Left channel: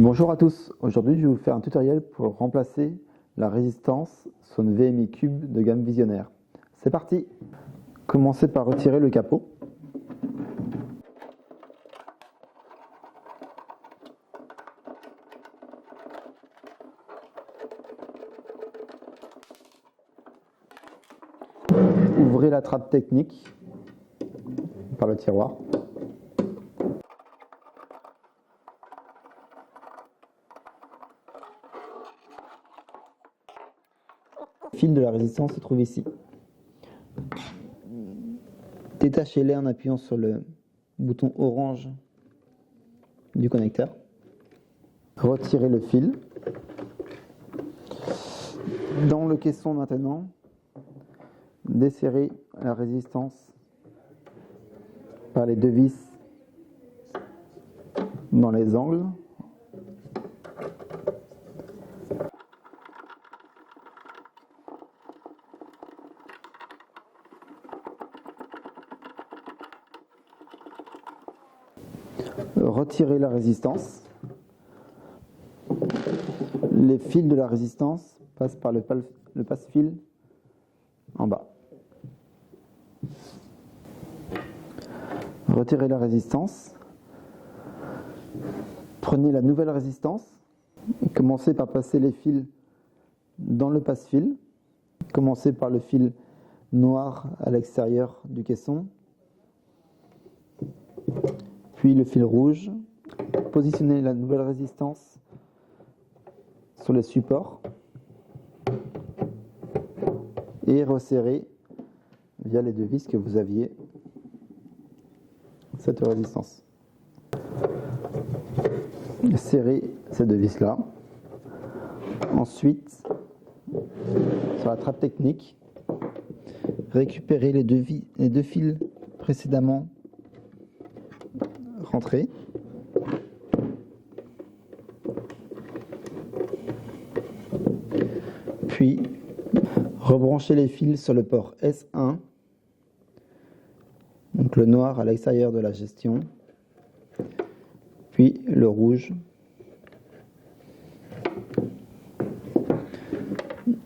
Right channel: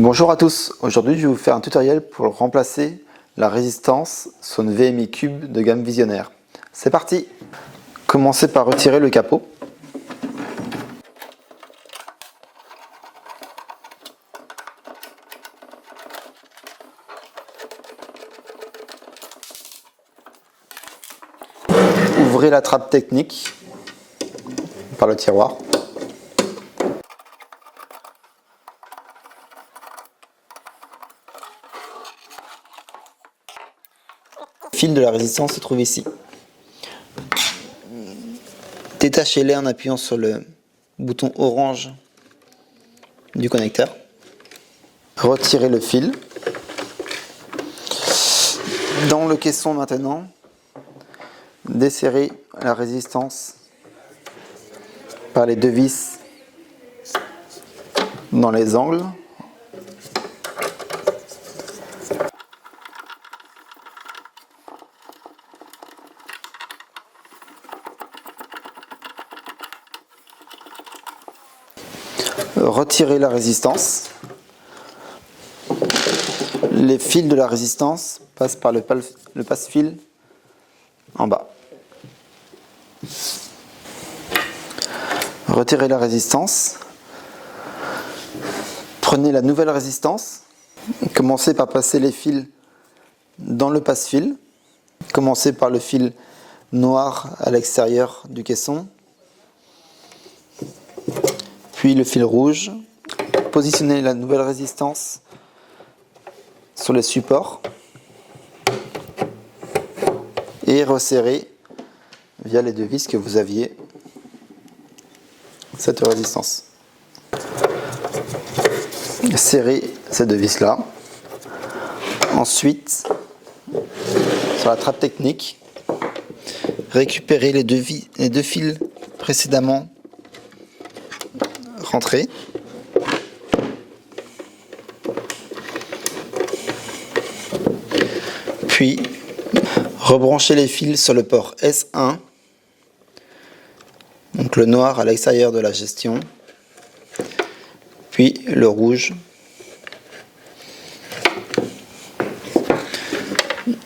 Bonjour à tous, aujourd'hui je vais vous faire un tutoriel pour remplacer la résistance sur une VMI Cube de gamme Visionnaire. C'est parti! Commencez par retirer le capot. Ouvrez la trappe technique par le tiroir. Le fil de la résistance se trouve ici. Détachez-les en appuyant sur le bouton orange du connecteur. Retirez le fil. Dans le caisson maintenant, desserrez la résistance par les deux vis dans les angles. Retirez la résistance. Les fils de la résistance passent par le passe-fil en bas. Retirez la résistance. Prenez la nouvelle résistance. Commencez par passer les fils dans le passe-fil. Commencez par le fil noir à l'extérieur du caisson. Puis le fil rouge. Positionnez la nouvelle résistance sur les supports et resserrez via les deux vis que vous aviez cette résistance. Serrez ces deux vis là. Ensuite, sur la trappe technique, récupérez les deux fils précédemment rentrés. Puis, rebranchez les fils sur le port S1, donc le noir à l'extérieur de la gestion, puis le rouge.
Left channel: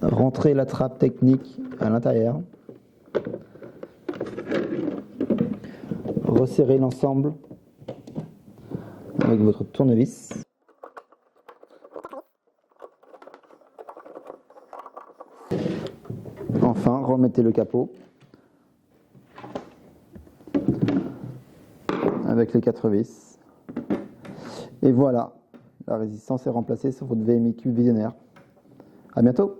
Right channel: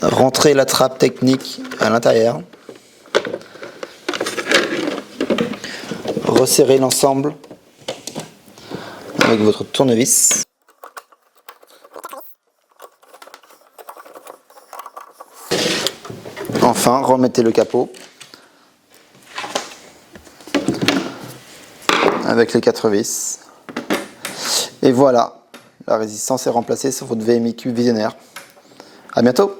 Rentrez la trappe technique à l'intérieur. Resserrez l'ensemble avec votre tournevis. Enfin, remettez le capot avec les 4 vis. Et voilà, la résistance est remplacée sur votre VMI Cube Visionnaire. À bientôt!